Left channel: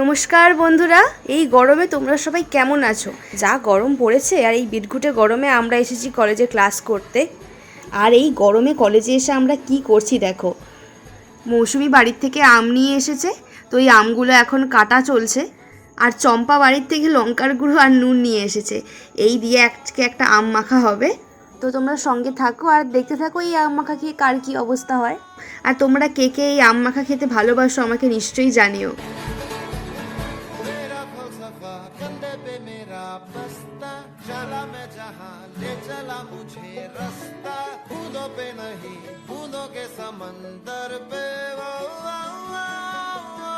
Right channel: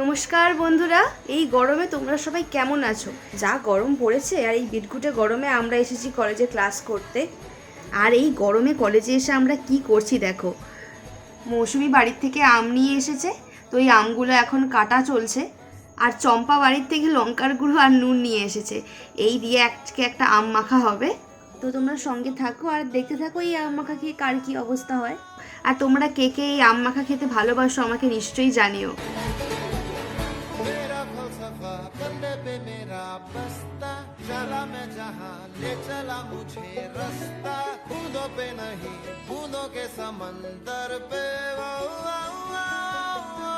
নমস্কার বন্ধুরা, এই গরমে তোমরা সবাই কেমন আছো? যা গরম পড়েছে, আর এই বিটঘুটে গরমে আমরা এসেছি কলেজে ক্লাস করতে। আর এই গরমে কলেজে এসে আমরা কি করছি দেখো। মৌসুমি বাড়ির থেকে আম নিয়ে এসেছে, তো এই আমগুলো এখন কাটা চলছে। আর চম্পা বাড়ির থেকে লঙ্কার গুঁড়ো আর নুন নিয়ে এসেছে, এই দিয়ে আজকে একটা আম মাখা হবে। তো তোমরা সঙ্গে থাকো আর দেখতে থাকো এই আম মাখা খেয়ে কার কী অবস্থা হয়। আর তোমরা কে কে এই আম মাখা খেতে ভালোবাসো আমাকে নিশ্চয়ই জানিও। फलसफा कंधे पे मेरा बस्ता चला मैं जहाँ ले चला मुझे रास्ता बूंदों पे नहीं बूंदों के समंदर पे वो, वो, वो, वो,